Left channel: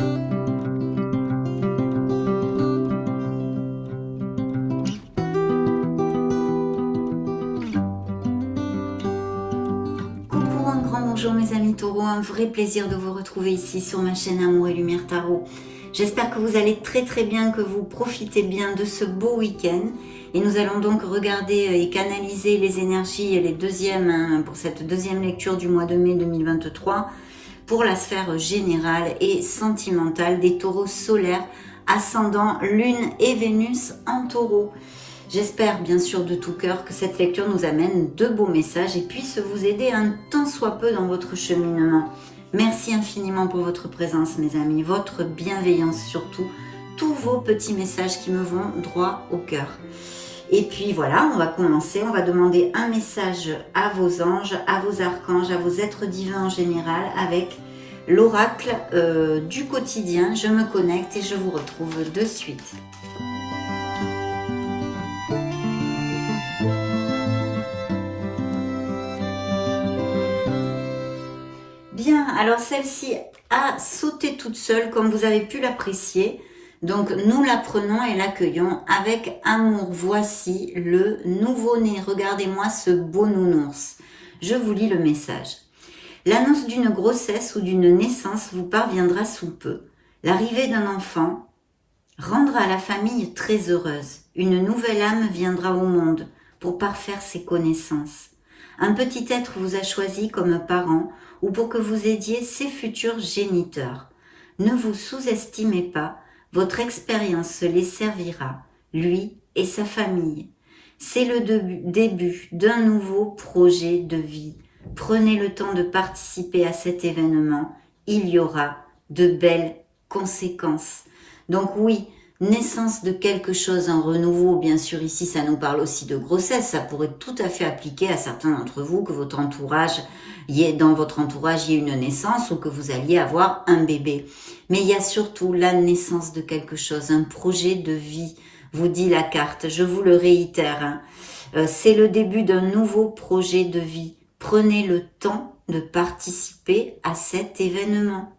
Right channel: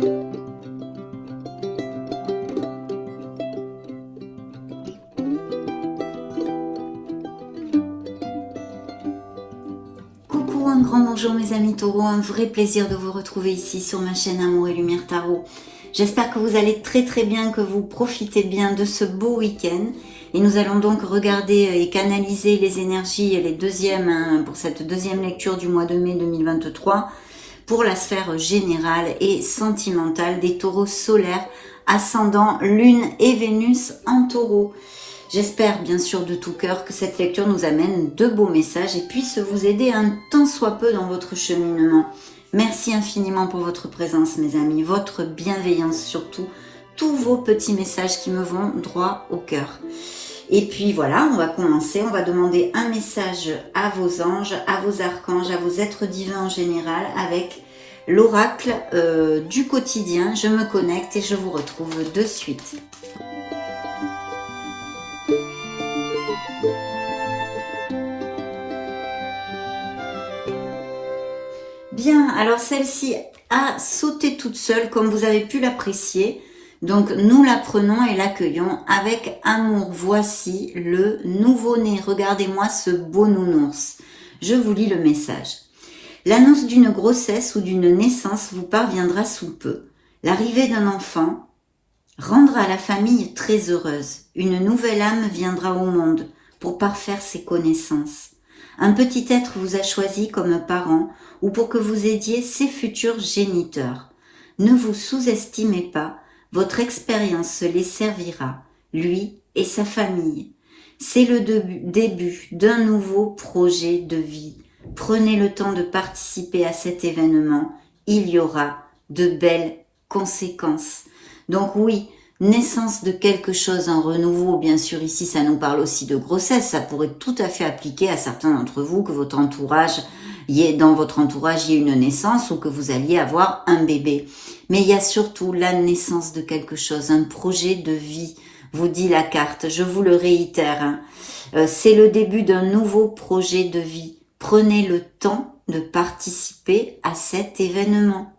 Coucou, un grand bonjour mes amis taureaux, un vrai plaisir de vous retrouver ici sur ma chaîne Amour et Lumière Tarot. J'espère que vous allez très bien, que vous profitez bien de ce beau week-end. Et nous allons donc regarder et canaliser les énergies pour cette deuxième lecture du mois de mai 2023 pour la sphère générale et sentimentale des taureaux solaires, ascendant Lune et Vénus en taureau. J'espère bien sûr de tout cœur que cette lecture nous amène de beaux messages et puisse vous aider un tant soit peu dans votre cheminement. Merci infiniment pour votre présence mes amis, votre bienveillance surtout, tous vos petits messages qui me vont droit au cœur. Et puis voilà, on va commencer, on va demander un message à vos anges, à vos archanges, à vos êtres divins en général avec l'oracle du quotidien. Je me connecte et je vous retrouve de suite. Bien, alors celle-ci a sauté toute seule comme vous avez pu l'apprécier. Donc nous la prenons et l'accueillons avec amour. Voici le nouveau-né. Regardez-moi ce beau nounours. Je vous lis le message. L'annonce d'une grossesse ou d'une naissance vous parviendra sous peu. L'arrivée d'un enfant rendra la famille très heureuse. Une nouvelle âme viendra au monde pour parfaire ses connaissances. Un petit être vous a choisi comme parent ou pour que vous aidiez ses futurs géniteurs. Ne vous sous-estimez pas, votre expérience les servira, lui et sa famille. C'est le début d'un nouveau projet de vie. Prenez le temps de participer à cet événement. Il y aura de belles conséquences. Donc oui, naissance de quelque chose, un renouveau, bien sûr ici ça nous parle aussi de grossesse, ça pourrait tout à fait appliquer à certains d'entre vous, que dans votre entourage il y ait une naissance ou que vous alliez avoir un bébé. Mais il y a surtout la naissance de quelque chose, un projet de vie, vous dit la carte, je vous le réitère, c'est le début d'un nouveau projet de vie. Prenez le temps de participer à cet événement.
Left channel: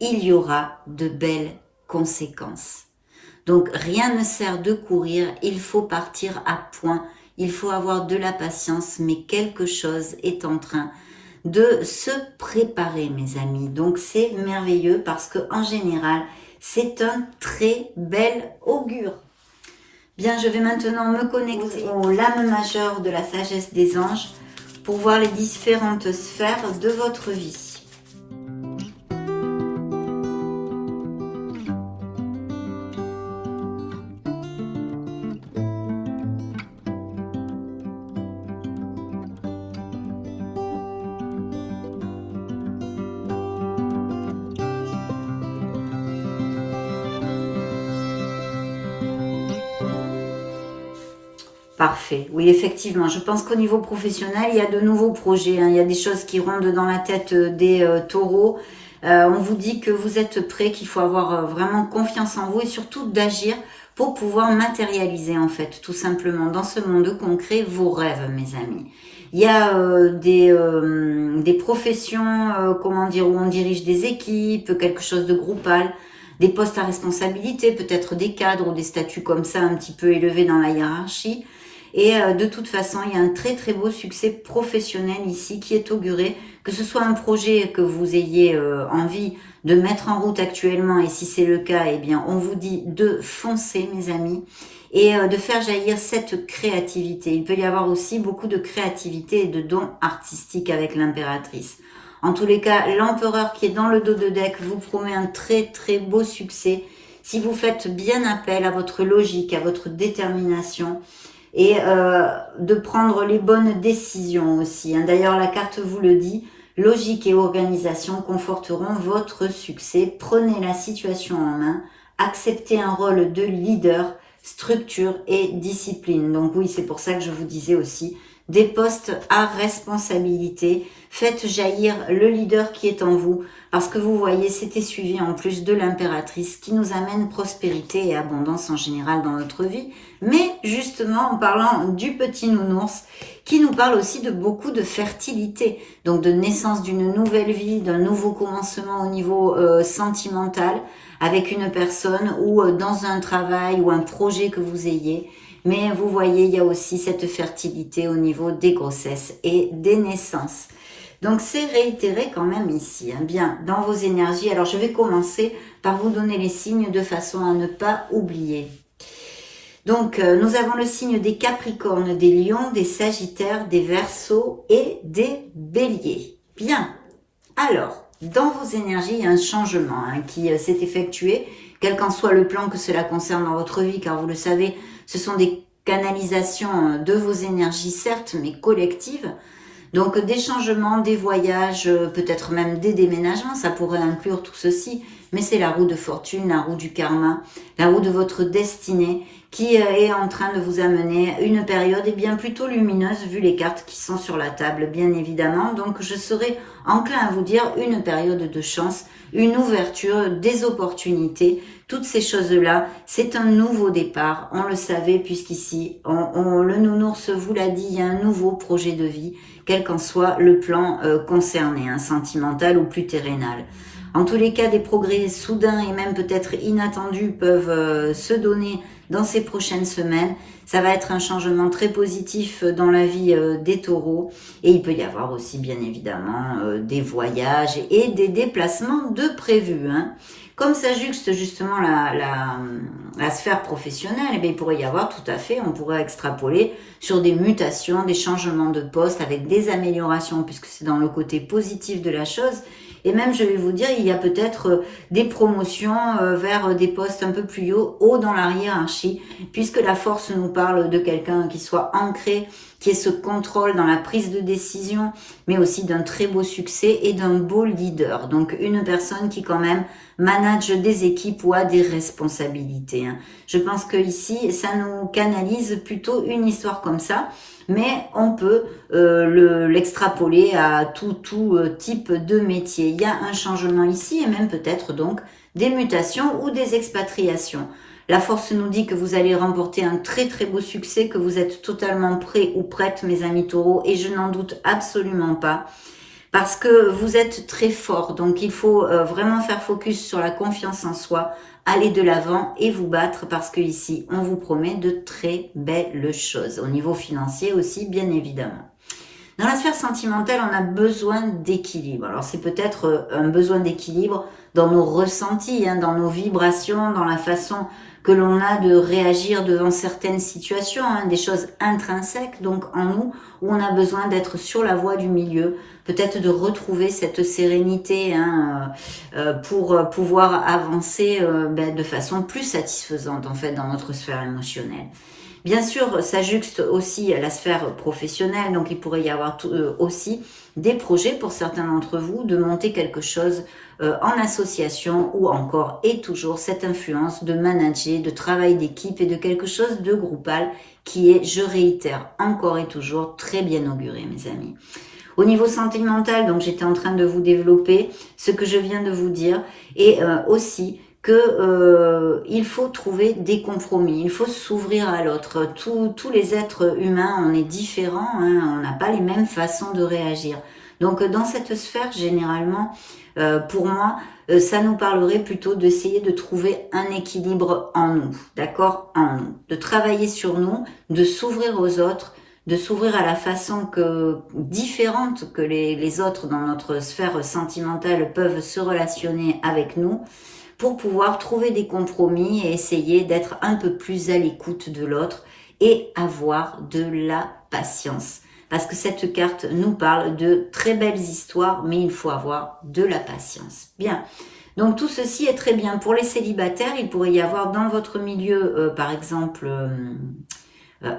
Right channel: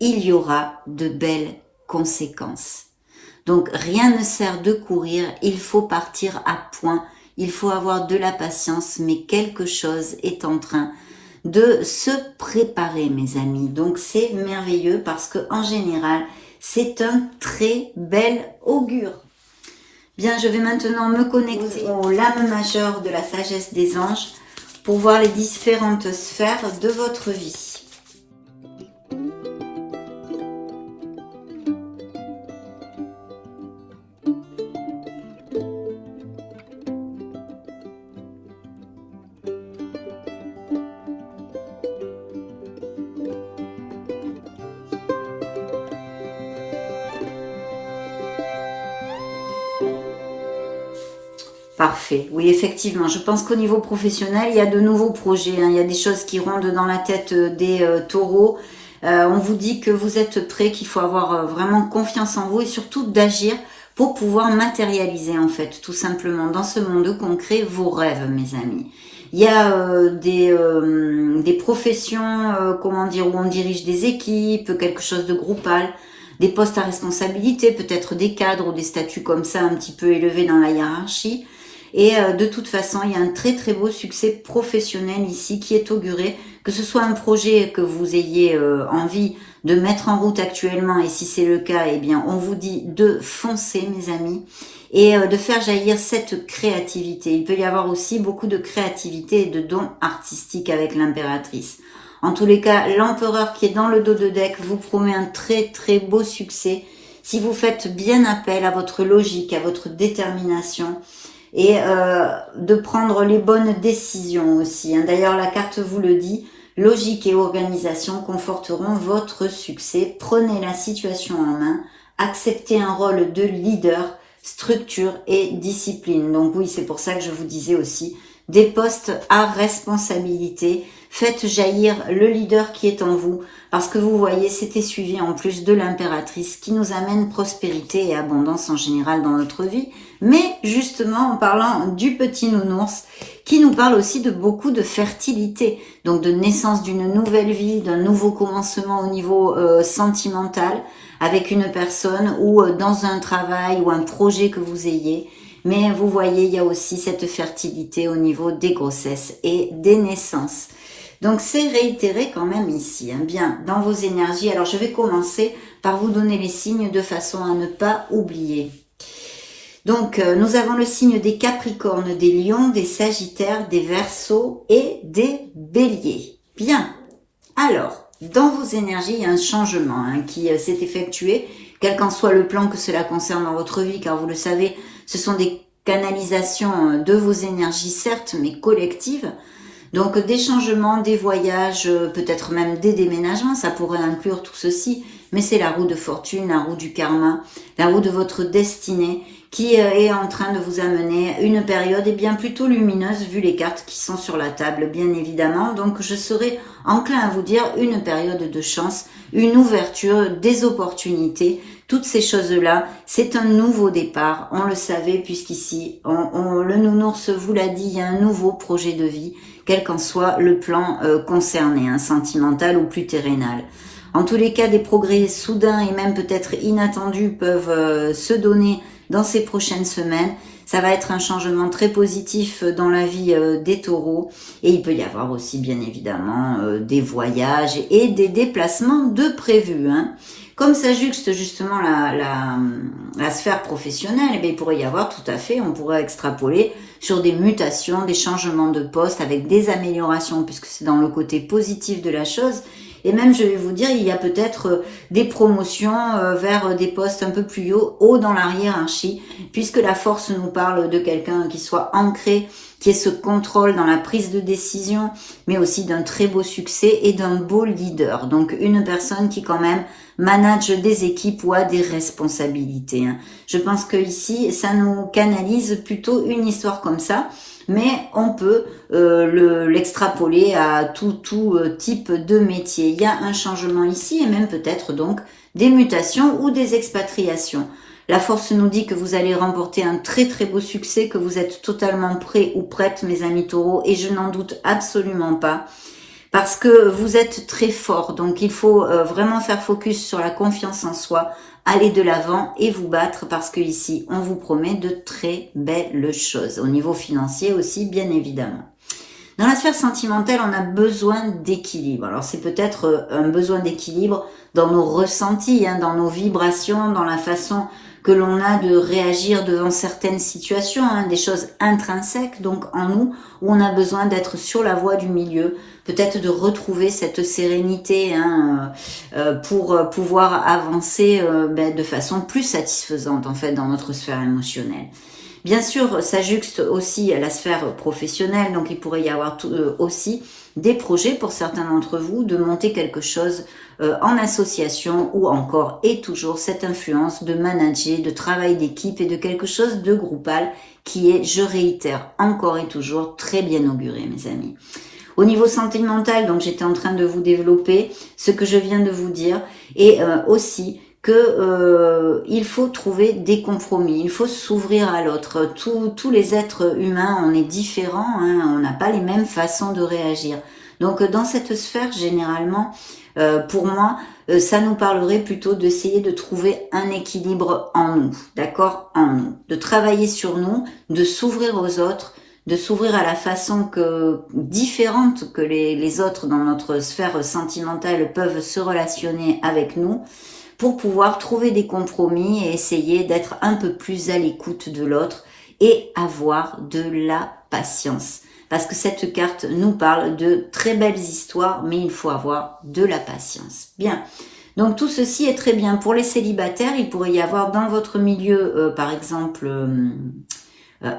Il y aura de belles conséquences. Donc rien ne sert de courir, il faut partir à point, il faut avoir de la patience, mais quelque chose est en train de se préparer mes amis. Donc c'est merveilleux parce que en général, c'est un très bel augure. Bien, je vais maintenant me connecter aux lames majeures de la sagesse des anges pour voir les différentes sphères de votre vie. Parfait. Oui, effectivement, je pense qu'au niveau professionnel, il y a de nouveaux projets. Il y a des choses qui rondent dans la tête des taureaux. On vous dit que vous êtes prêts, qu'il faut avoir vraiment confiance en vous et surtout d'agir pour pouvoir matérialiser en fait, tout simplement, dans ce monde concret, vos rêves, mes amis. Il y a des professions, où on dirige des équipes, quelque chose de groupal, des postes à responsabilité, peut-être des cadres ou des statuts comme ça, un petit peu élevés dans la hiérarchie. Et de toute façon, il y a un très beau succès professionnel ici qui est auguré, que ce soit un projet que vous ayez envie de mettre en route actuellement, et si c'est le cas, eh bien, on vous dit de foncer, mes amis, et de faire jaillir cette créativité. Il peut y avoir aussi beaucoup de créativité et de dons artistiques avec l'impératrice. En tous les cas, l'empereur qui est dans le dos de deck vous promet un très beau succès si vous faites bien appel à votre logique, à votre détermination, et de prendre les bonnes décisions aussi. D'ailleurs, la carte vous le dit, logique et organisation conforteront votre succès. Prenez la situation en main, acceptez un rôle de leader, structure et discipline. Donc oui, c'est pour ça que je vous disais aussi, des postes à responsabilité. Faites jaillir le leader qui est en vous, parce que vous voyez, c'était suivi en plus de l'impératrice qui nous amène prospérité et abondance en général dans notre vie. Mais justement, en parlant du petit nounours qui nous parle aussi de beaucoup de fertilité, donc de naissance d'une nouvelle vie, d'un nouveau commencement au niveau sentimental, avec une personne ou dans un travail ou un projet que vous ayez. Mais vous voyez, il y a aussi cette fertilité au niveau des grossesses et des naissances. Donc c'est réitéré quand même ici, hein, bien dans vos énergies. Alors je vais commencer par vous donner les signes de façon à ne pas oublier. Donc nous avons le signe des Capricornes, des Lions, des Sagittaires, des Verseaux et des Béliers. Bien, alors dans vos énergies, il y a un changement qui s'est effectué, quel qu'en soit le plan que cela concerne dans votre vie, car vous le savez, ce sont des canalisations de vos énergies, certes, mais collectives. Donc des changements, des voyages, peut-être même des déménagements, ça pourrait inclure tout ceci, mais c'est la roue de fortune, la roue du karma, la roue de votre destinée qui est en train de vous amener une période bien plutôt lumineuse vu les cartes qui sont sur la table, bien évidemment. Donc je serai enclin à vous dire une période de chance, une ouverture, des opportunités, toutes ces choses-là, c'est un nouveau départ, on le savait puisqu'ici, le nounours vous l'a dit, il y a un nouveau projet de vie, quel qu'en soit le plan concerné, sentimental ou plus terrénal. En tous les cas, des progrès soudains et même peut-être inattendus peuvent se donner dans ces prochaines semaines. Ça va être un changement très positif dans la vie des taureaux. Et il peut y avoir aussi, bien évidemment, des voyages et des déplacements de prévus. Comme ça juxte justement la sphère professionnelle, eh bien, il pourrait y avoir tout à fait, on pourrait extrapoler sur des mutations, des changements de poste avec des améliorations, puisque c'est dans le côté positif de la chose. Et même, je vais vous dire, il y a peut-être des promotions vers des postes un peu plus haut dans la hiérarchie, puisque la force nous parle de quelqu'un qui soit ancré, qui ait ce contrôle dans la prise de décision, mais aussi d'un très beau succès et d'un beau leader. Donc, une personne qui quand même manage des équipes ou a des responsabilités. Je pense que ici, ça nous canalise plutôt une histoire comme ça. Mais on peut l'extrapoler à tout type de métier. Il y a un changement ici et même peut-être donc des mutations ou des expatriations. La force nous dit que vous allez remporter un très très beau succès, que vous êtes totalement prêts ou prêtes, mes amis taureaux, et je n'en doute absolument pas. Parce que vous êtes très fort, donc il faut vraiment faire focus sur la confiance en soi, aller de l'avant et vous battre parce que ici, on vous promet de très belles choses. Au niveau financier aussi, bien évidemment. Dans la sphère sentimentale, on a besoin d'équilibre. Alors c'est peut-être un besoin d'équilibre dans nos ressentis, dans nos vibrations, dans la façon que l'on a de réagir devant certaines situations, des choses intrinsèques donc en nous, où on a besoin d'être sur la voie du milieu, peut-être de retrouver cette sérénité pour pouvoir avancer de façon plus satisfaisante en fait dans notre sphère émotionnelle. Bien sûr, ça juxte aussi à la sphère professionnelle, donc il pourrait y avoir aussi des projets pour certains d'entre vous de monter quelque chose en association ou encore et toujours cette influence de manager, de travail d'équipe et de quelque chose de groupal qui est, je réitère, encore et toujours très bien auguré, mes amis. Au niveau sentimental, donc j'étais en train de vous développer ce que je viens de vous dire et aussi que il faut trouver des compromis, il faut s'ouvrir à l'autre. Tous les êtres humains, on est différents, on n'a pas les mêmes façons de réagir. Donc dans cette sphère, généralement, pour moi, ça nous parlerait plutôt d'essayer de trouver un équilibre en nous, d'accord, en nous, de travailler sur nous, de s'ouvrir aux autres, de s'ouvrir à la façon différente que les autres dans notre sphère sentimentale peuvent se relationner avec nous, pour pouvoir trouver des compromis et essayer d'être un peu plus à l'écoute de l'autre et avoir de la patience. Parce que cette carte nous parle de très belles histoires, mais il faut avoir de la patience. Bien, donc tout ceci est très bien. Pour les célibataires, il pourrait y avoir dans votre milieu, par exemple,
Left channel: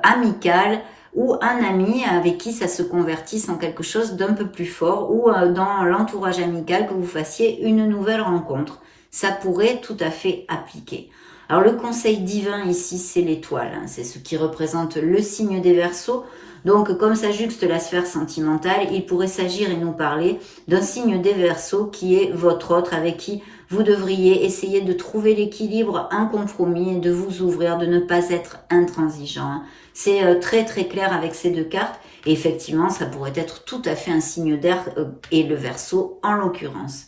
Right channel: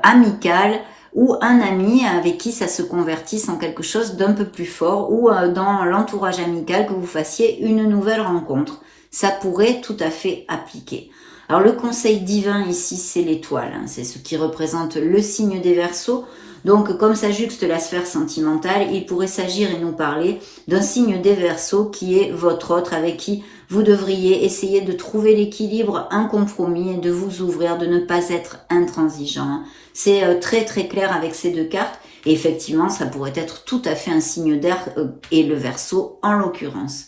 amical, ou un ami avec qui ça se convertisse en quelque chose d'un peu plus fort, ou dans l'entourage amical que vous fassiez une nouvelle rencontre. Ça pourrait tout à fait appliquer. Alors le conseil divin ici, c'est l'étoile, c'est ce qui représente le signe des Verseaux. Donc comme ça juxte la sphère sentimentale, il pourrait s'agir et nous parler d'un signe des Verseaux qui est votre autre, avec qui vous devriez essayer de trouver l'équilibre, un compromis et de vous ouvrir, de ne pas être intransigeant. C'est très très clair avec ces deux cartes. Et effectivement, ça pourrait être tout à fait un signe d'air et le Verseau en l'occurrence.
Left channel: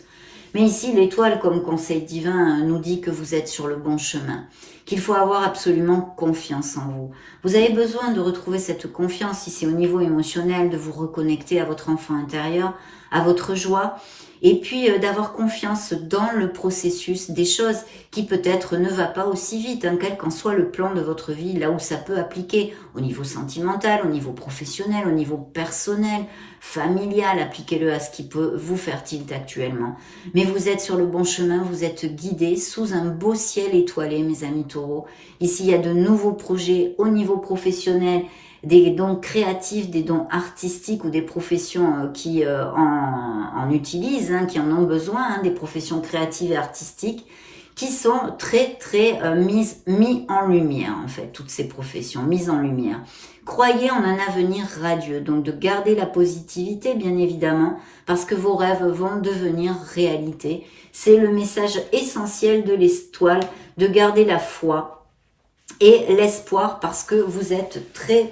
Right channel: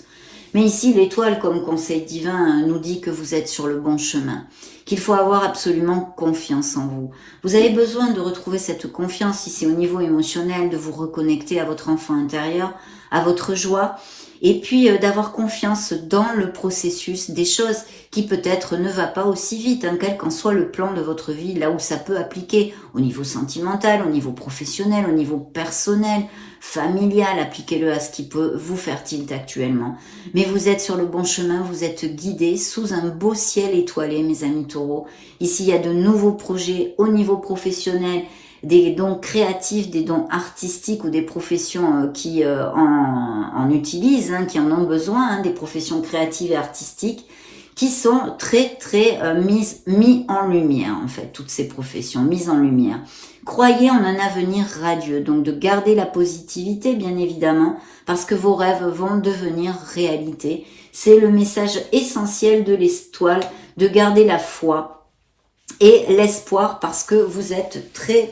Mais ici, l'étoile, comme conseil divin, nous dit que vous êtes sur le bon chemin, qu'il faut avoir absolument confiance en vous. Vous avez besoin de retrouver cette confiance, si c'est au niveau émotionnel, de vous reconnecter à votre enfant intérieur, à votre joie, et puis d'avoir confiance dans le processus des choses qui peut-être ne va pas aussi vite, quel qu'en soit le plan de votre vie, là où ça peut appliquer, au niveau sentimental, au niveau professionnel, au niveau personnel, familial, appliquez-le à ce qui peut vous faire tilt actuellement. Mais vous êtes sur le bon chemin, vous êtes guidés sous un beau ciel étoilé, mes amis taureaux. Ici, il y a de nouveaux projets au niveau professionnel, des dons créatifs, des dons artistiques ou des professions qui en utilisent, qui en ont besoin, des professions créatives et artistiques qui sont très mis en lumière, en fait, toutes ces professions mises en lumière. Croyez en un avenir radieux, donc de garder la positivité, bien évidemment, parce que vos rêves vont devenir réalité. C'est le message essentiel de l'étoile, de garder la foi et l'espoir, parce que vous êtes très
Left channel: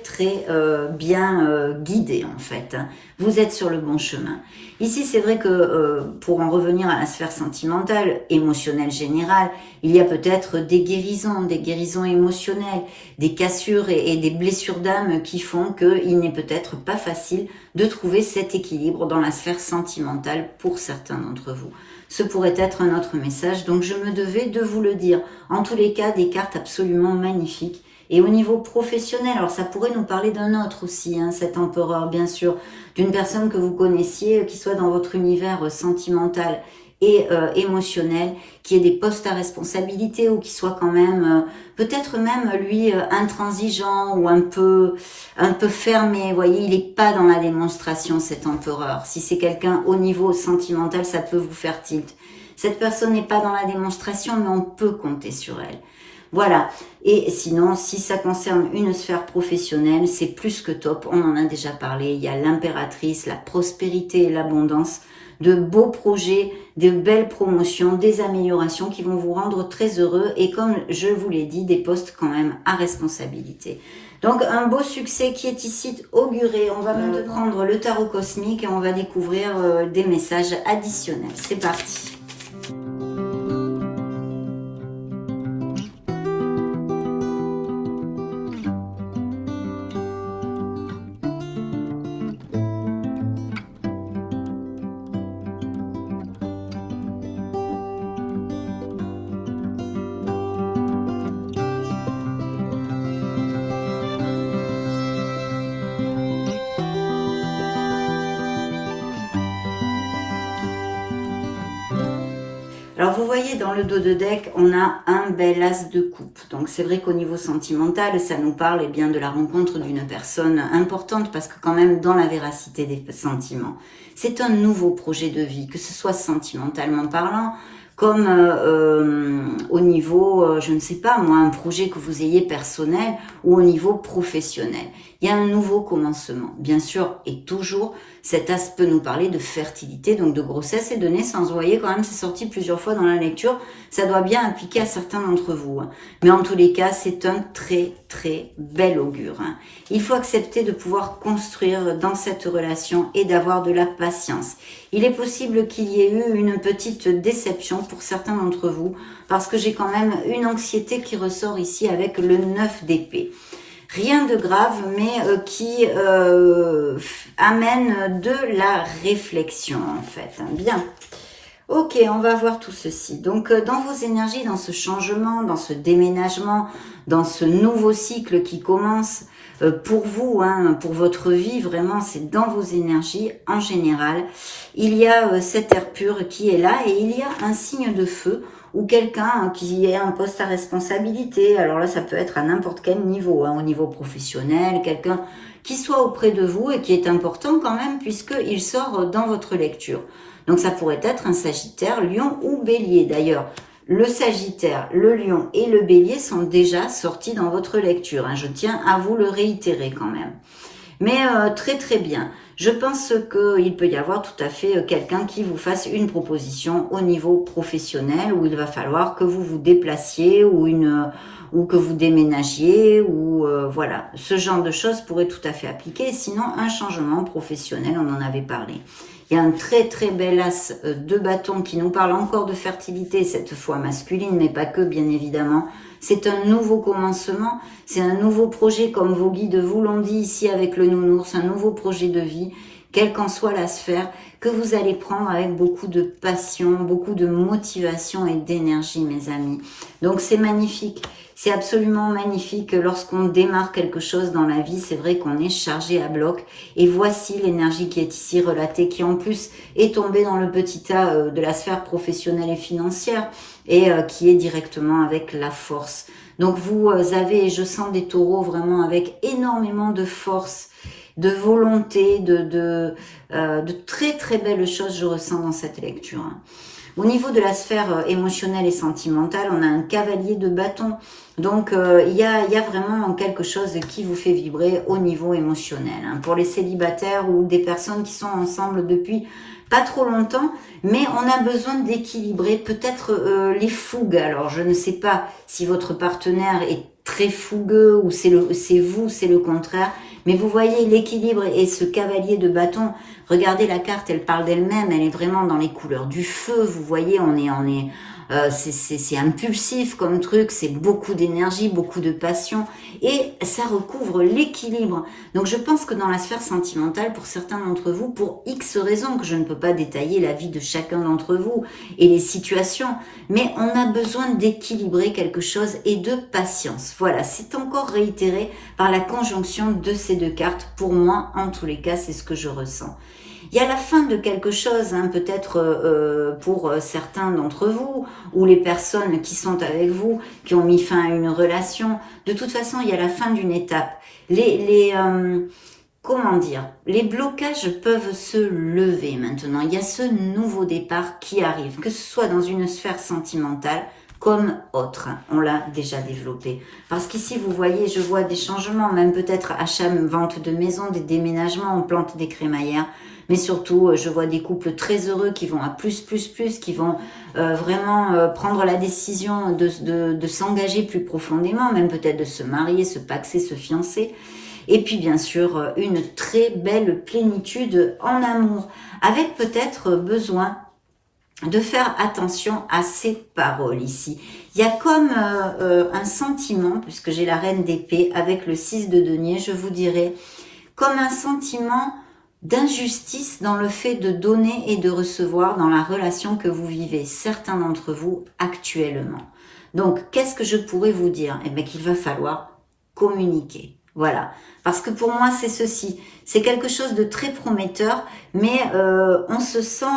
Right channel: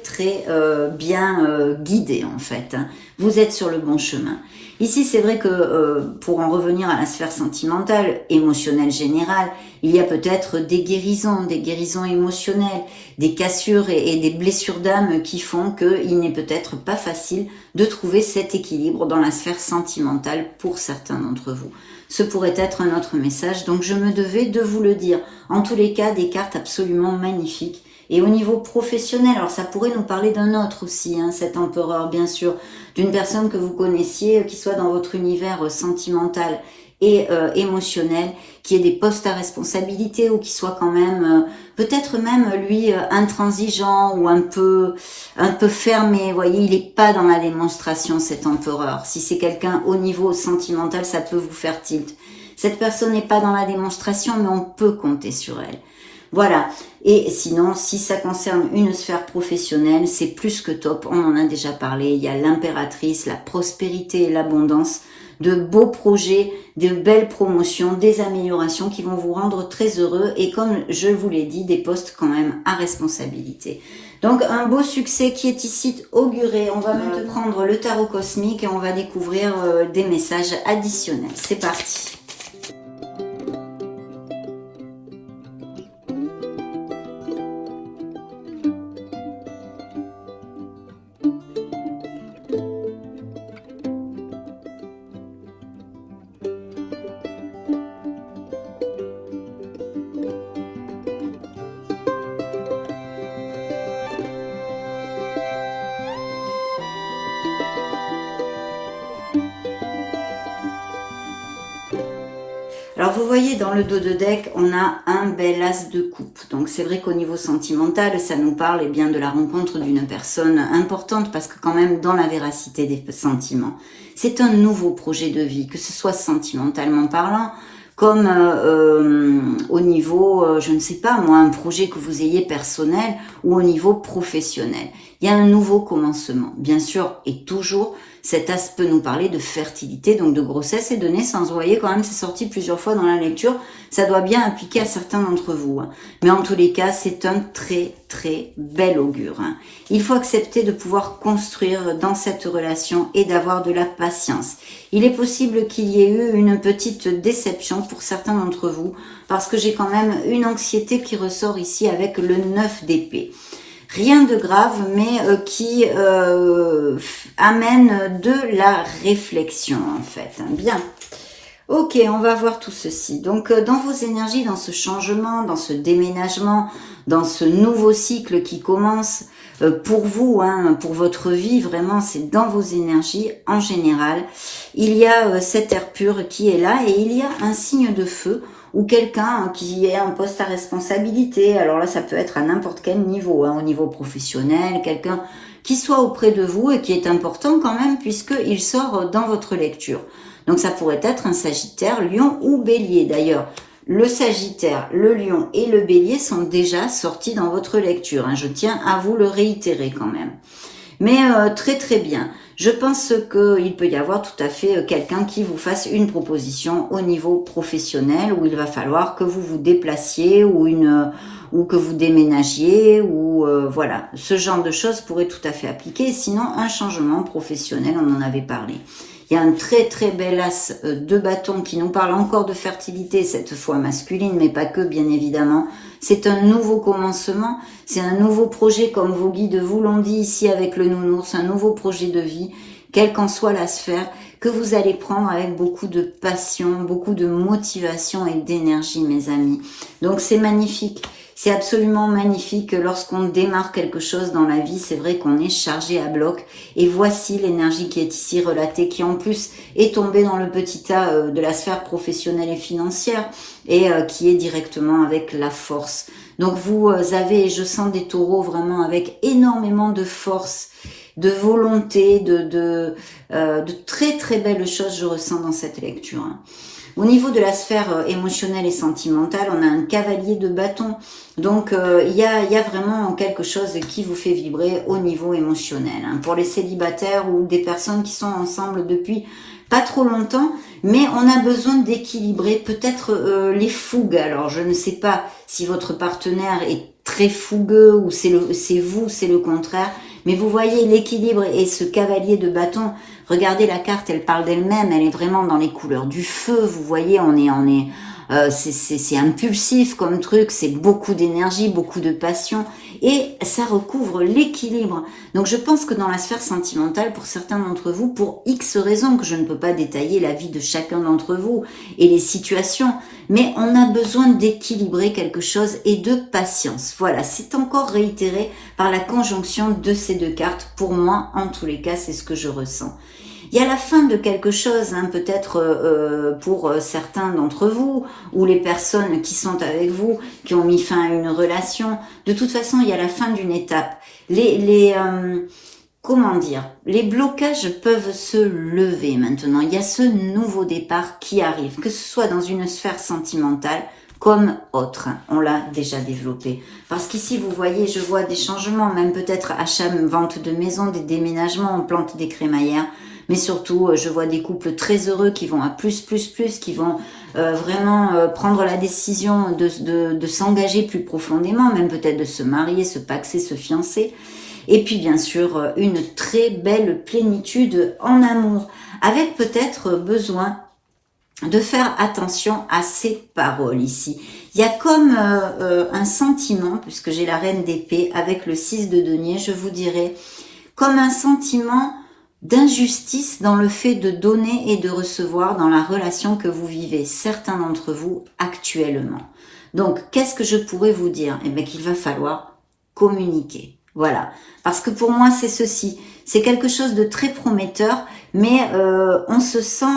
bien guidé, en fait. Vous êtes sur le bon chemin. Ici, c'est vrai que pour en revenir à la sphère sentimentale, émotionnelle générale, il y a peut-être des guérisons émotionnelles, des cassures et des blessures d'âme qui font qu'il n'est peut-être pas facile de trouver cet équilibre dans la sphère sentimentale pour certains d'entre vous. Ce pourrait être un autre message, donc je me devais de vous le dire. En tous les cas, des cartes absolument magnifiques. Et au niveau professionnel, alors ça pourrait nous parler d'un autre aussi, cet empereur bien sûr, d'une personne que vous connaissiez, qui soit dans votre univers sentimental et émotionnel, qui ait des postes à responsabilité ou qui soit quand même, peut-être même lui intransigeant ou un peu fermé. Vous voyez, il n'est pas dans la démonstration, cet empereur. Si c'est quelqu'un au niveau sentimental, ça peut vous faire tilt. Cette personne n'est pas dans la démonstration, mais on peut compter sur elle. Voilà. Et sinon, si ça concerne une sphère professionnelle, c'est plus que top. On en a déjà parlé. Il y a l'impératrice, la prospérité et l'abondance, de beaux projets, de belles promotions, des améliorations qui vont vous rendre très heureux. Et comme je vous l'ai dit, des postes quand même à responsabilité. Donc, un beau succès qui est ici auguré. On va maintenant prendre le tarot cosmique et on va découvrir des messages additionnels. C'est parti. Alors vous voyez dans le dos de deck, on a un bel as de coupe. Donc c'est vrai qu'au niveau sentimental, ça nous parle bien de la rencontre d'une personne importante parce que quand même dans la véracité des sentiments, c'est un nouveau projet de vie, que ce soit sentimentalement parlant, comme au niveau, je ne sais pas moi, un projet que vous ayez personnel ou au niveau professionnel. Il y a un nouveau commencement, bien sûr, et toujours. Cet as peut nous parler de fertilité, donc de grossesse et de naissance. Vous voyez, quand même, c'est sorti plusieurs fois dans la lecture. Ça doit bien appliquer à certains d'entre vous. Mais en tous les cas, c'est un très bel augure. Il faut accepter de pouvoir construire dans cette relation et d'avoir de la patience. Il est possible qu'il y ait eu une petite déception pour certains d'entre vous, parce que j'ai quand même une anxiété qui ressort ici avec le 9 d'épée. Rien de grave, mais qui amène de la réflexion, en fait. Bien. Ok, on va voir tout ceci. Donc, dans vos énergies, dans ce changement, dans ce déménagement, dans ce nouveau cycle qui commence, pour vous, pour votre vie, vraiment, c'est dans vos énergies en général. Il y a cet air pur qui est là et il y a un signe de feu ou quelqu'un qui ait un poste à responsabilité. Alors là, ça peut être à n'importe quel niveau, au niveau professionnel, quelqu'un qui soit auprès de vous et qui est important quand même puisqu'il sort dans votre lecture. Donc ça pourrait être un Sagittaire, Lion ou Bélier. D'ailleurs, le Sagittaire, le Lion et le Bélier sont déjà sortis dans votre lecture. Je tiens à vous le réitérer quand même. Mais très bien. Je pense qu'il peut y avoir tout à fait quelqu'un qui vous fasse une proposition au niveau professionnel où il va falloir que vous vous déplaciez ou que vous déménagiez ou voilà, ce genre de choses pourrait tout à fait appliquer. Sinon, un changement professionnel, on en avait parlé. Il y a un très très bel as de bâton qui nous parle encore de fertilité, cette fois masculine, mais pas que bien évidemment. C'est un nouveau commencement, c'est un nouveau projet comme vos guides vous l'ont dit ici avec le nounours, un nouveau projet de vie, quelle qu'en soit la sphère, que vous allez prendre avec beaucoup de passion, beaucoup de motivation et d'énergie mes amis. Donc c'est magnifique. C'est absolument magnifique lorsqu'on démarre quelque chose dans la vie, c'est vrai qu'on est chargé à bloc et voici l'énergie qui est ici relatée, qui en plus est tombée dans le petit tas de la sphère professionnelle et financière et qui est directement avec la force. Donc vous avez, je sens des taureaux vraiment avec énormément de force, de volonté, de très très belles choses je ressens dans cette lecture. Au niveau de la sphère émotionnelle et sentimentale, on a un cavalier de bâton. Donc, il y a vraiment quelque chose qui vous fait vibrer au niveau émotionnel. Pour les célibataires ou des personnes qui sont ensemble depuis pas trop longtemps, mais on a besoin d'équilibrer peut-être les fougues. Alors, je ne sais pas si votre partenaire est très fougueux ou c'est vous, c'est le contraire. Mais vous voyez l'équilibre et ce cavalier de bâton. Regardez la carte, elle parle d'elle-même. Elle est vraiment dans les couleurs du feu. Vous voyez, c'est impulsif comme truc. C'est beaucoup d'énergie, beaucoup de passion. Et ça recouvre l'équilibre. Donc je pense que dans la sphère sentimentale, pour certains d'entre vous, pour X raisons, que je ne peux pas détailler la vie de chacun d'entre vous et les situations, mais on a besoin d'équilibrer quelque chose et de patience. Voilà, c'est encore réitéré par la conjonction de ces deux cartes. Pour moi, en tous les cas, c'est ce que je ressens. Il y a la fin de quelque chose, peut-être pour certains d'entre vous, ou les personnes qui sont avec vous, qui ont mis fin à une relation. De toute façon, il y a la fin d'une étape. Comment dire, les blocages peuvent se lever maintenant. Il y a ce nouveau départ qui arrive, que ce soit dans une sphère sentimentale comme autre. On l'a déjà développé. Parce qu'ici, vous voyez, je vois des changements, même peut-être achat, vente de maison, des déménagements, on plante des crémaillères. Mais surtout, je vois des couples très heureux qui vont à plus, qui vont vraiment prendre la décision de s'engager plus profondément, même peut-être de se marier, se paxer, se fiancer. Et puis bien sûr, une très belle plénitude en amour, avec peut-être besoin de faire attention à ces paroles ici. Il y a comme un sentiment, puisque j'ai la reine d'épée avec le 6 de denier, je vous dirais, comme un sentiment d'injustice dans le fait de donner et de recevoir dans la relation que vous vivez, certains d'entre vous actuellement. Donc, qu'est-ce que je pourrais vous dire? Eh bien, qu'il va falloir communiquer. Voilà. Parce que pour moi, c'est ceci. C'est quelque chose de très prometteur, mais on se sent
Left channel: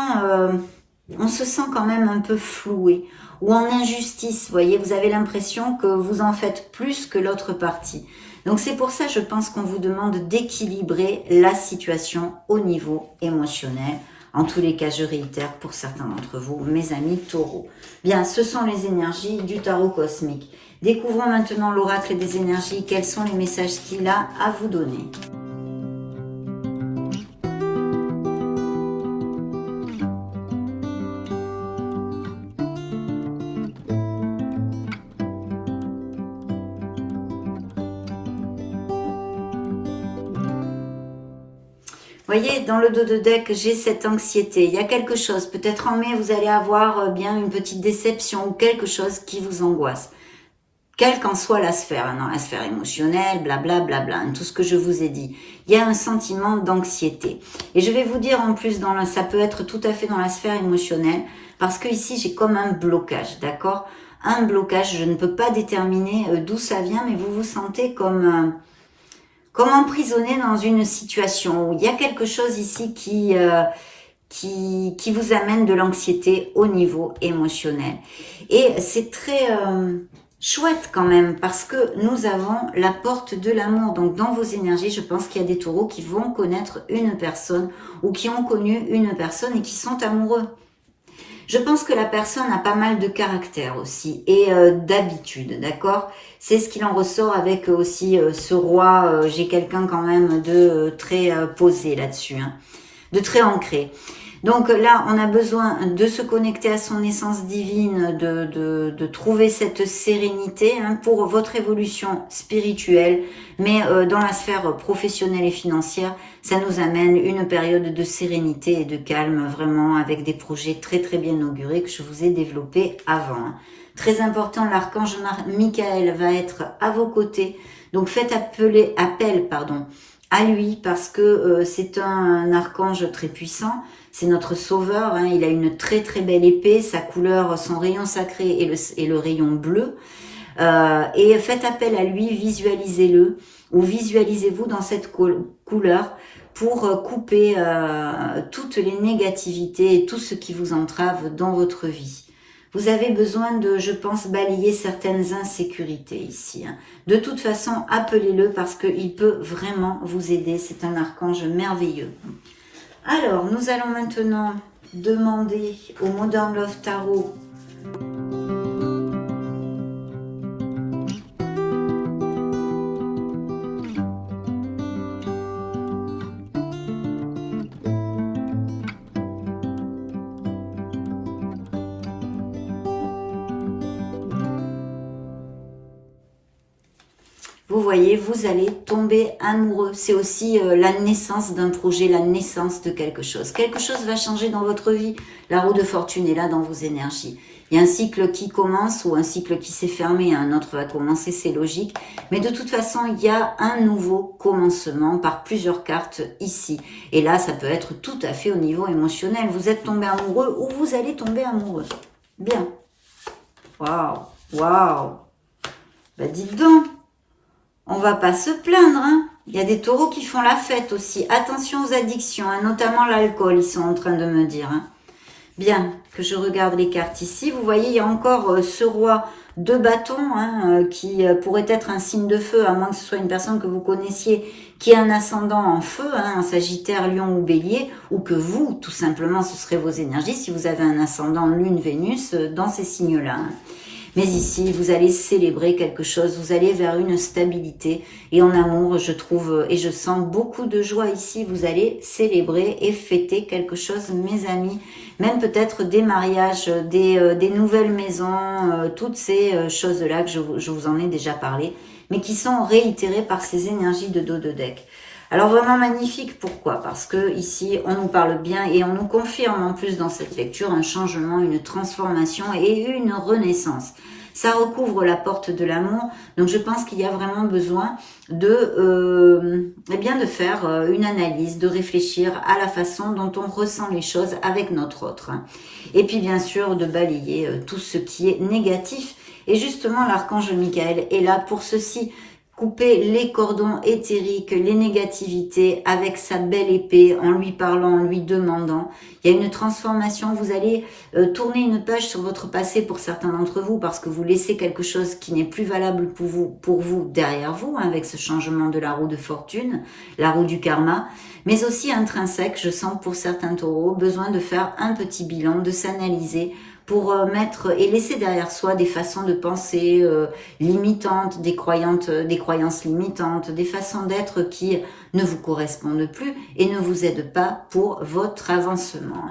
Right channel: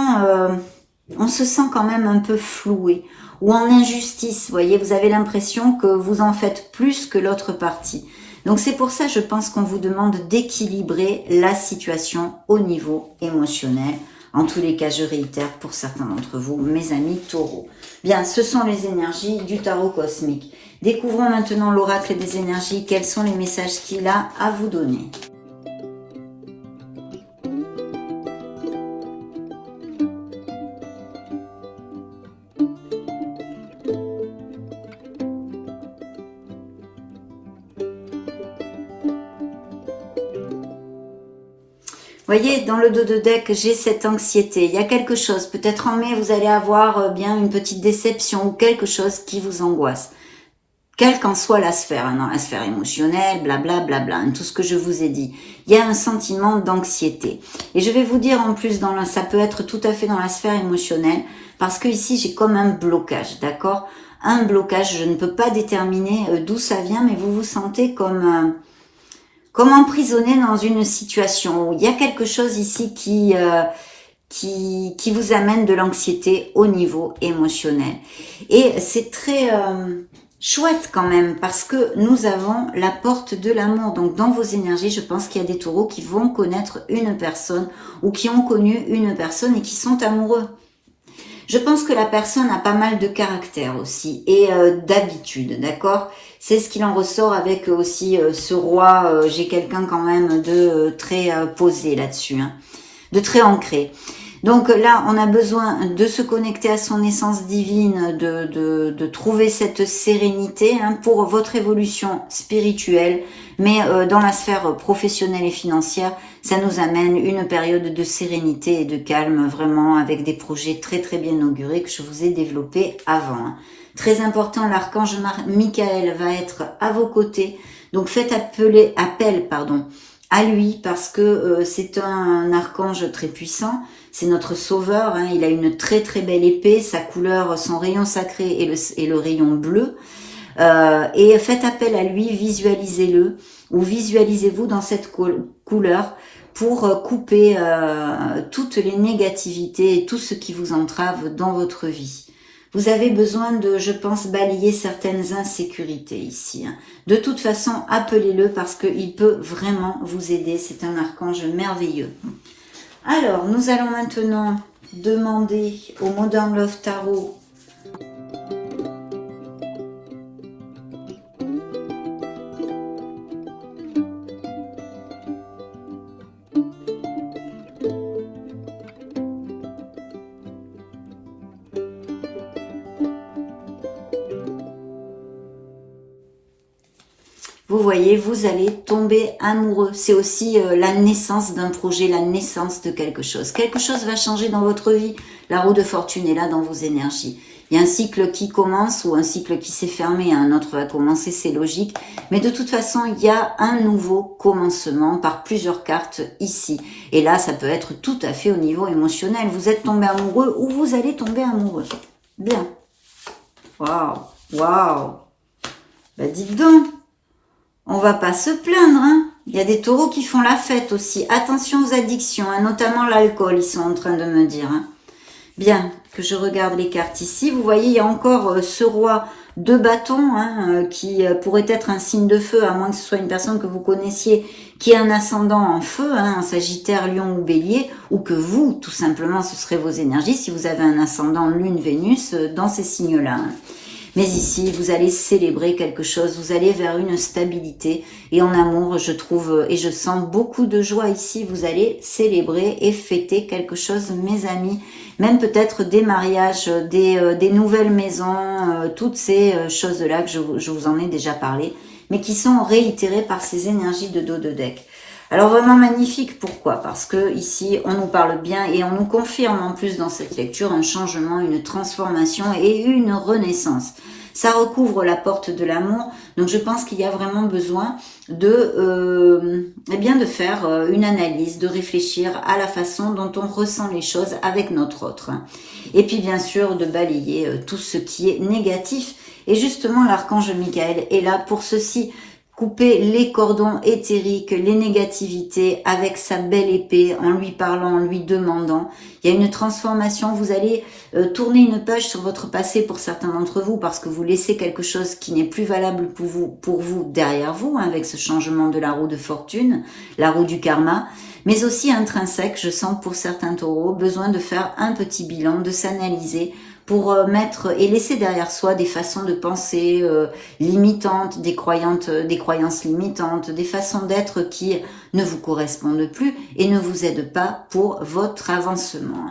quand même un peu floué ou en injustice. Vous voyez, vous avez l'impression que vous en faites plus que l'autre partie. Donc c'est pour ça, je pense qu'on vous demande d'équilibrer la situation au niveau émotionnel. En tous les cas, je réitère pour certains d'entre vous, mes amis taureaux. Bien, ce sont les énergies du tarot cosmique. Découvrons maintenant l'oracle des énergies. Quels sont les messages qu'il a à vous donner ? Vous voyez, dans le dos de deck, j'ai cette anxiété. Il y a quelque chose. Peut-être en mai, vous allez avoir bien une petite déception ou quelque chose qui vous angoisse. Quelle qu'en soit la sphère, dans la sphère émotionnelle, blablabla, tout ce que je vous ai dit. Il y a un sentiment d'anxiété. Et je vais vous dire en plus, ça peut être tout à fait dans la sphère émotionnelle, parce que ici, j'ai comme un blocage, d'accord ? Un blocage, je ne peux pas déterminer d'où ça vient, mais vous vous sentez comme emprisonné dans une situation où il y a quelque chose ici qui vous amène de l'anxiété au niveau émotionnel. Et c'est très chouette quand même parce que nous avons la porte de l'amour. Donc dans vos énergies, je pense qu'il y a des taureaux qui vont connaître une personne ou qui ont connu une personne et qui sont amoureux. Je pense que la personne a pas mal de caractère aussi et d'habitude, d'accord? C'est ce qu'il en ressort avec aussi ce roi. J'ai quelqu'un quand même de très posé là-dessus, hein, de très ancré. Donc là, on a besoin de se connecter à son essence divine, de trouver cette sérénité hein, pour votre évolution spirituelle, mais dans la sphère professionnelle et financière, ça nous amène une période de sérénité et de calme, vraiment avec des projets très très bien augurés que je vous ai développés avant. Hein. Très important, l'archange Michael va être à vos côtés, donc faites appel à lui parce que c'est un archange très puissant. C'est notre sauveur, hein, il a une très très belle épée, sa couleur, son rayon sacré est le rayon bleu. Et faites appel à lui, visualisez-le, ou visualisez-vous dans cette couleur pour couper toutes les négativités et tout ce qui vous entrave dans votre vie. Vous avez besoin de, je pense, balayer certaines insécurités ici. Hein. De toute façon, appelez-le parce qu'il peut vraiment vous aider. C'est un archange merveilleux. Alors, nous allons maintenant demander au Modern Love Tarot vous voyez, vous allez tomber amoureux. C'est aussi la naissance d'un projet, la naissance de quelque chose. Quelque chose va changer dans votre vie. La roue de fortune est là dans vos énergies. Il y a un cycle qui commence ou un cycle qui s'est fermé, un autre va commencer, c'est logique. Mais de toute façon, il y a un nouveau commencement par plusieurs cartes ici. Et là, ça peut être tout à fait au niveau émotionnel. Vous êtes tombé amoureux ou vous allez tomber amoureux. Bien. Waouh, waouh. Bah dites donc. On va pas se plaindre, hein. Il y a des taureaux qui font la fête aussi. Attention aux addictions, hein, notamment l'alcool, ils sont en train de me dire. Hein. Bien, que je regarde les cartes ici. Vous voyez, il y a encore ce roi de bâton hein, qui pourrait être un signe de feu, à moins que ce soit une personne que vous connaissiez qui ait un ascendant en feu, hein, un Sagittaire, Lion ou Bélier, ou que vous, tout simplement, ce serait vos énergies si vous avez un ascendant Lune, Vénus dans ces signes-là. Hein. Mais ici, vous allez célébrer quelque chose, vous allez vers une stabilité. Et en amour, je trouve et je sens beaucoup de joie ici. Vous allez célébrer et fêter quelque chose, mes amis. Même peut-être des mariages, des nouvelles maisons, toutes ces choses-là que je vous en ai déjà parlé, mais qui sont réitérées par ces énergies de dos de deck. Alors vraiment magnifique, pourquoi? Parce que ici, on nous parle bien et on nous confirme en plus dans cette lecture un changement, une transformation et une renaissance. Ça recouvre la porte de l'amour, donc je pense qu'il y a vraiment besoin de faire une analyse, de réfléchir à la façon dont on ressent les choses avec notre autre. Et puis bien sûr, de balayer tout ce qui est négatif. Et justement, l'archange Michael est là pour ceci. Couper les cordons éthériques, les négativités avec sa belle épée, en lui parlant, en lui demandant. Il y a une transformation, vous allez tourner une page sur votre passé pour certains d'entre vous parce que vous laissez quelque chose qui n'est plus valable pour vous derrière vous, hein, avec ce changement de la roue de fortune, la roue du karma, mais aussi intrinsèque, je sens pour certains taureaux, besoin de faire un petit bilan, de s'analyser, pour mettre et laisser derrière soi des façons de penser limitantes, des croyances limitantes, des façons d'être qui ne vous correspondent plus et ne vous aident pas pour votre avancement.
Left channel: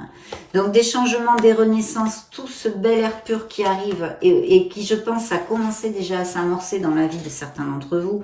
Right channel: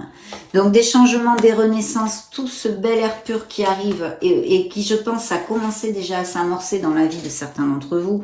Donc des changements, des renaissances, tout ce bel air pur qui arrive et qui, je pense, a commencé déjà à s'amorcer dans la vie de certains d'entre vous.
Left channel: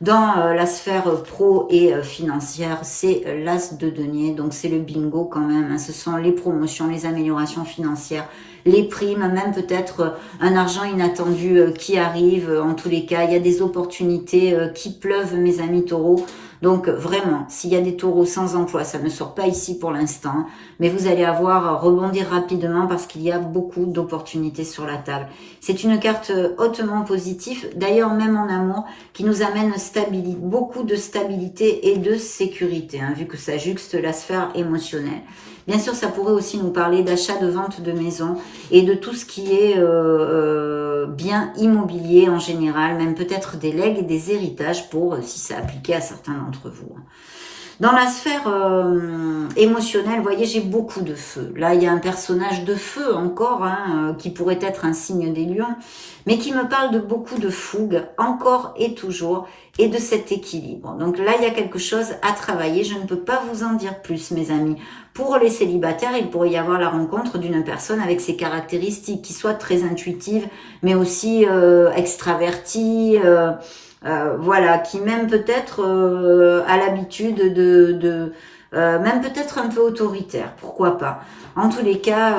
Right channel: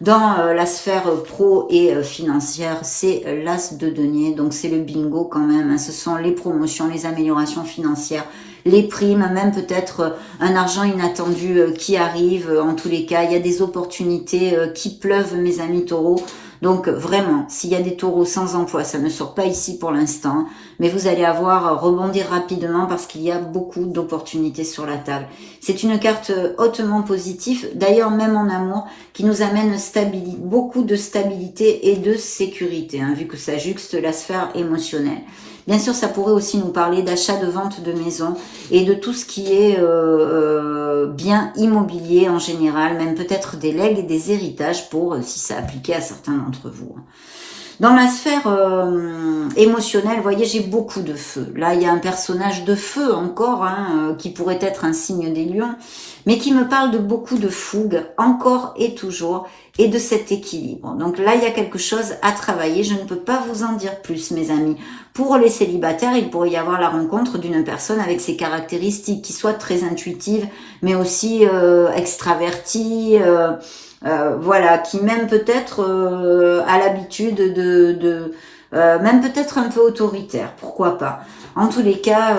Dans la sphère pro et financière, c'est l'as de denier, donc c'est le bingo quand même. Hein. Ce sont les promotions, les améliorations financières, les primes, même peut-être un argent inattendu qui arrive. En tous les cas, il y a des opportunités qui pleuvent, mes amis taureaux. Donc vraiment, s'il y a des taureaux sans emploi, ça ne sort pas ici pour l'instant, mais vous allez rebondir rapidement parce qu'il y a beaucoup d'opportunités sur la table. C'est une carte hautement positive, d'ailleurs même en amour, qui nous amène beaucoup de stabilité et de sécurité, hein, vu que ça juxte la sphère émotionnelle. Bien sûr, ça pourrait aussi nous parler d'achat, de vente de maison et de tout ce qui est bien immobilier en général, même peut-être des legs et des héritages pour si ça appliquait à certains d'entre vous. Dans la sphère émotionnelle, vous voyez, j'ai beaucoup de feu. Là, il y a un personnage de feu encore, hein, qui pourrait être un signe des lions, mais qui me parle de beaucoup de fougue, encore et toujours, et de cet équilibre. Donc là, il y a quelque chose à travailler. Je ne peux pas vous en dire plus, mes amis. Pour les célibataires, il pourrait y avoir la rencontre d'une personne avec ses caractéristiques, qui soit très intuitive, mais aussi extravertie, voilà, qui même peut-être a l'habitude même peut-être un peu autoritaire, pourquoi pas. En tous les cas,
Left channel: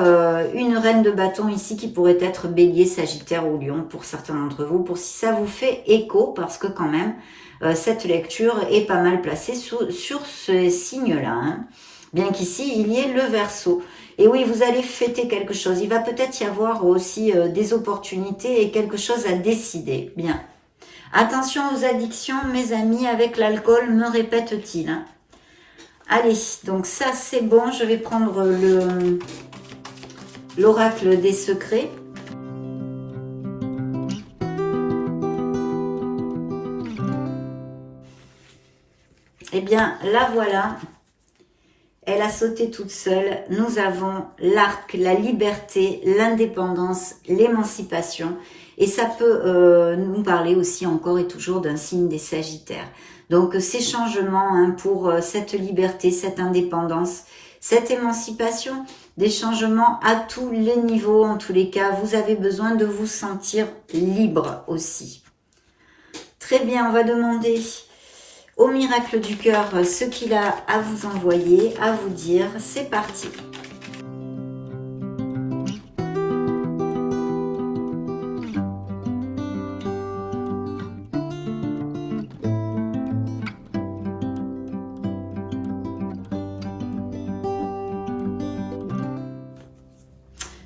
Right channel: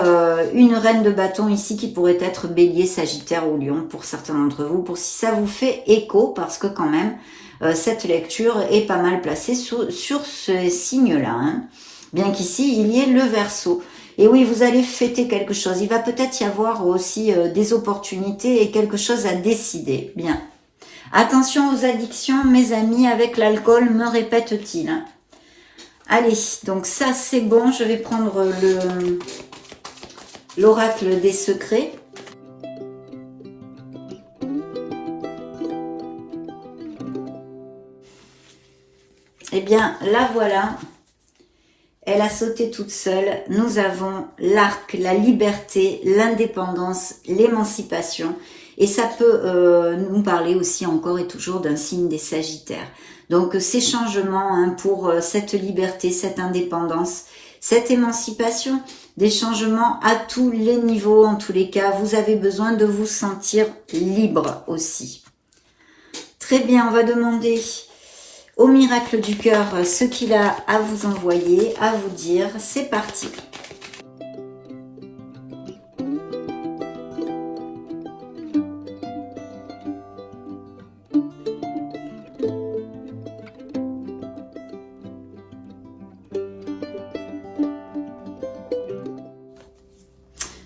une reine de bâton ici qui pourrait être bélier, sagittaire ou lion pour certains d'entre vous, pour si ça vous fait écho, parce que quand même, cette lecture est pas mal placée sur ce signe-là, hein. Bien qu'ici, il y ait le Verseau. Et oui, vous allez fêter quelque chose. Il va peut-être y avoir aussi des opportunités et quelque chose à décider. Bien. Attention aux addictions, mes amis, avec l'alcool, me répète-t-il. Allez, donc ça c'est bon, je vais prendre l'oracle des secrets. Eh bien, la voilà. Elle a sauté toute seule. Nous avons l'arc, la liberté, l'indépendance, l'émancipation. Et ça peut nous parler aussi encore et toujours d'un signe des Sagittaires. Donc ces changements, hein, pour cette liberté, cette indépendance, cette émancipation, des changements à tous les niveaux en tous les cas. Vous avez besoin de vous sentir libre aussi. Très bien, on va demander au miracle du cœur ce qu'il a à vous envoyer, à vous dire. C'est parti.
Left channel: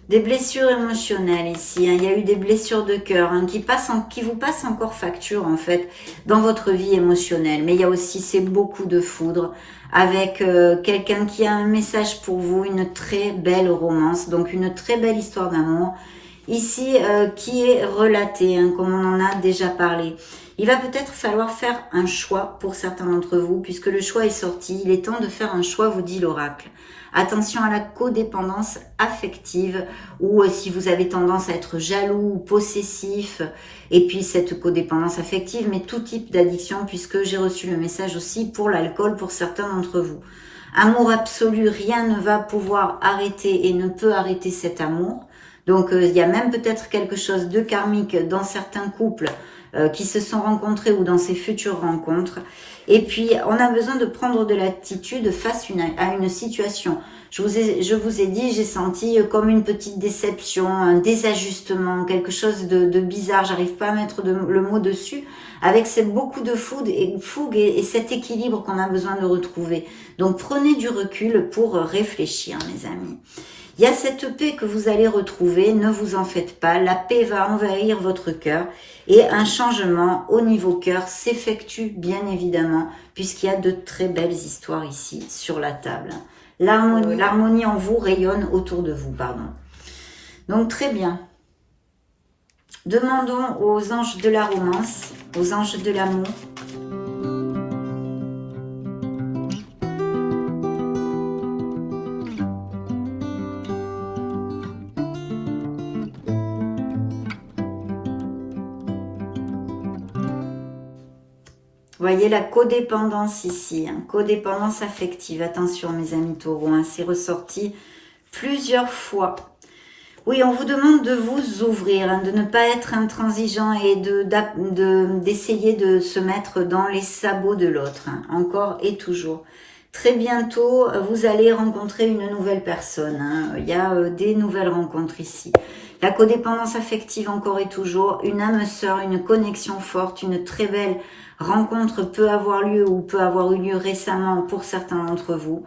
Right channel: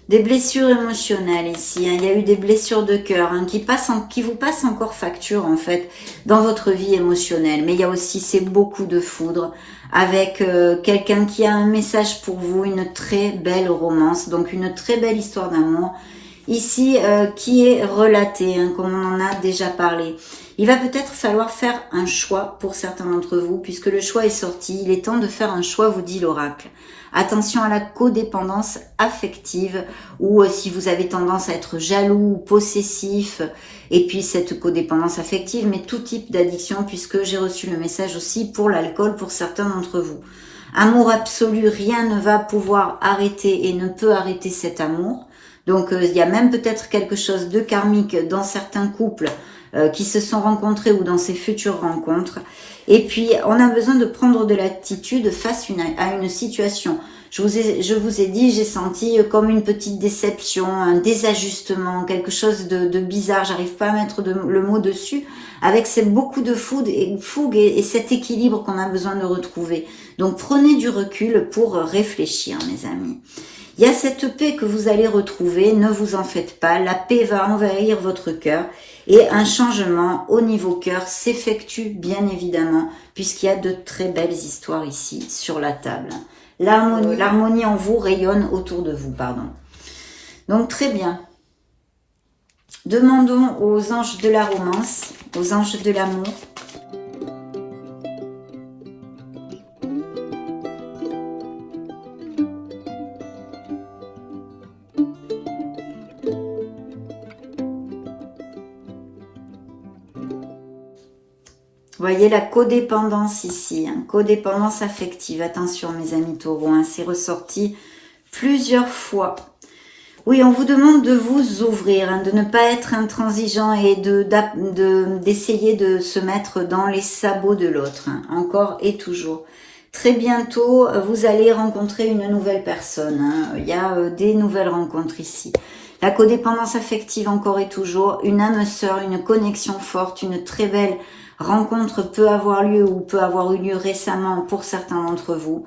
Des blessures émotionnelles ici, hein. Il y a eu des blessures de cœur, hein, qui vous passent encore facture en fait dans votre vie émotionnelle. Mais il y a aussi, c'est beaucoup de foudre avec quelqu'un qui a un message pour vous, une très belle romance, donc une très belle histoire d'amour ici qui est relatée, hein, comme on en a déjà parlé. Il va peut-être falloir faire un choix pour certains d'entre vous, puisque le choix est sorti. Il est temps de faire un choix, vous dit l'oracle. Attention à la codépendance affective, ou si vous avez tendance à être jaloux ou possessif, et puis cette codépendance affective, mais tout type d'addiction, puisque j'ai reçu le message aussi pour l'alcool pour certains d'entre vous. Amour absolu, rien ne va pouvoir arrêter et ne peut arrêter cet amour. Donc il y a même peut-être quelque chose de karmique dans certains couples qui se sont rencontrés ou dans ces futures rencontres. Et puis, on a besoin de prendre de l'attitude face à une situation. Je vous ai dit, j'ai senti comme une petite déception, un désajustement, quelque chose de bizarre. J'arrive pas à mettre le mot dessus. Avec beaucoup de fougue et cet équilibre qu'on a besoin de retrouver. Donc, prenez du recul pour réfléchir, mes amis. Il y a cette paix que vous allez retrouver, ne vous en faites pas. La paix va envahir votre cœur. Et un changement au niveau cœur s'effectue bien évidemment, puisqu'il y a de très belles histoires ici sur la table. L'harmonie en vous rayonne autour de vous, pardon. Donc très bien. Demandons aux anges de la romance, aux anges de l'amour. Voyez la codépendance ici, hein, codépendance affective. Attention mes amis taureaux, hein, c'est ressorti plusieurs fois. Oui, on vous demande de vous ouvrir, hein, de ne pas être intransigeant et d'essayer de se mettre dans les sabots de l'autre, hein, encore et toujours. Très bientôt, vous allez rencontrer une nouvelle personne. Hein. Il y a des nouvelles rencontres ici. La codépendance affective encore et toujours, une âme sœur, une connexion forte, une très belle rencontre peut avoir lieu ou peut avoir eu lieu récemment pour certains d'entre vous.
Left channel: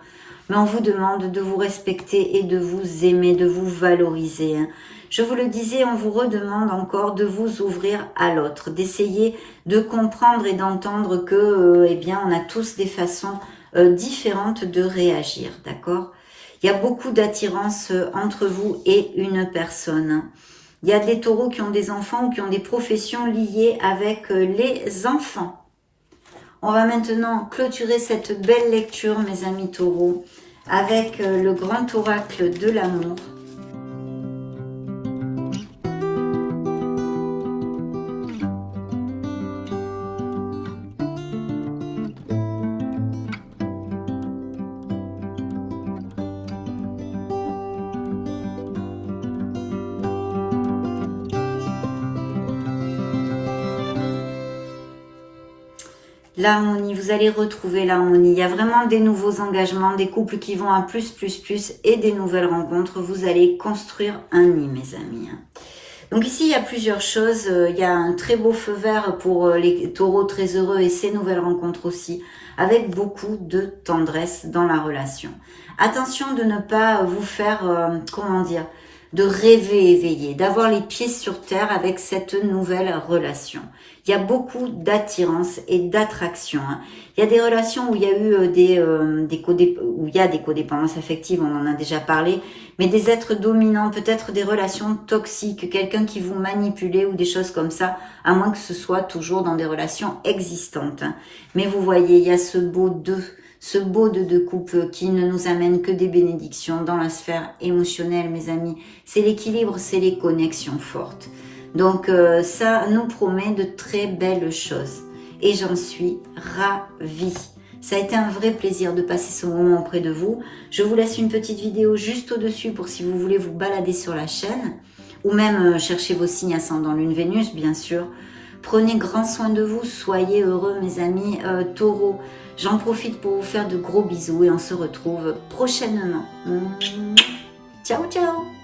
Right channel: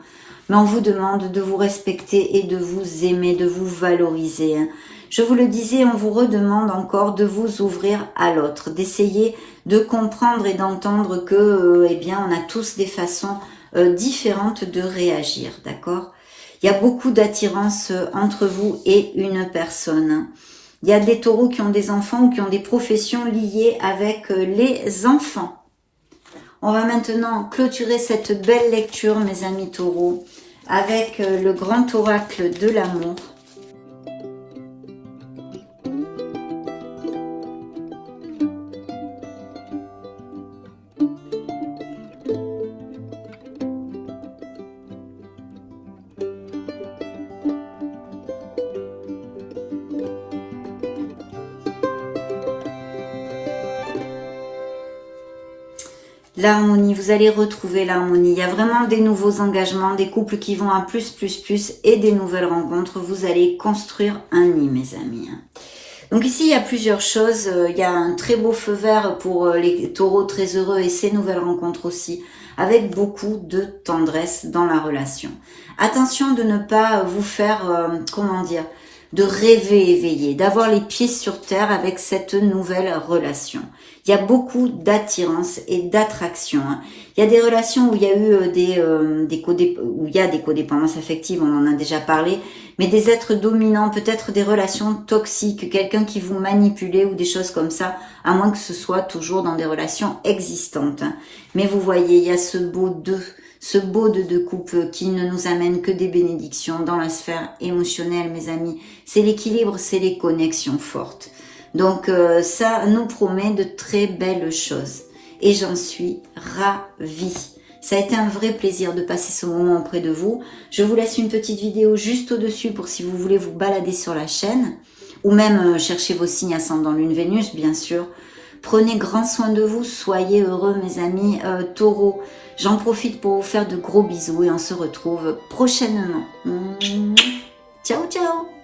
Mais on vous demande de vous respecter et de vous aimer, de vous valoriser. Hein. Je vous le disais, on vous redemande encore de vous ouvrir à l'autre, d'essayer de comprendre et d'entendre que, eh bien, on a tous des façons différentes de réagir, d'accord ? Il y a beaucoup d'attirance entre vous et une personne. Il y a des taureaux qui ont des enfants ou qui ont des professions liées avec les enfants. On va maintenant clôturer cette belle lecture, mes amis taureaux, avec le grand oracle de l'amour. L'harmonie, vous allez retrouver l'harmonie. Il y a vraiment des nouveaux engagements, des couples qui vont à plus et des nouvelles rencontres. Vous allez construire un nid, mes amis. Donc ici, il y a plusieurs choses. Il y a un très beau feu vert pour les taureaux très heureux et ces nouvelles rencontres aussi, avec beaucoup de tendresse dans la relation. Attention de ne pas vous faire, comment dire, de rêver éveillé, d'avoir les pieds sur terre avec cette nouvelle relation. Il y a beaucoup d'attirance et d'attraction. Il y a des relations où il y a eu des codépendances affectives, on en a déjà parlé, mais des êtres dominants, peut-être des relations toxiques, quelqu'un qui vous manipulait ou des choses comme ça, à moins que ce soit toujours dans des relations existantes. Mais vous voyez, il y a ce beau de couple qui ne nous amène que des bénédictions dans la sphère émotionnelle, mes amis. C'est l'équilibre, c'est les connexions fortes. Donc ça nous promet de très belles choses. Et j'en suis ravie. Ça a été un vrai plaisir de passer ce moment auprès de vous. Je vous laisse une petite vidéo juste au-dessus pour si vous voulez vous balader sur la chaîne. Ou même chercher vos signes ascendant Lune Vénus, bien sûr. Prenez grand soin de vous. Soyez heureux, mes amis taureaux. J'en profite pour vous faire de gros bisous et on se retrouve prochainement. Ciao, ciao!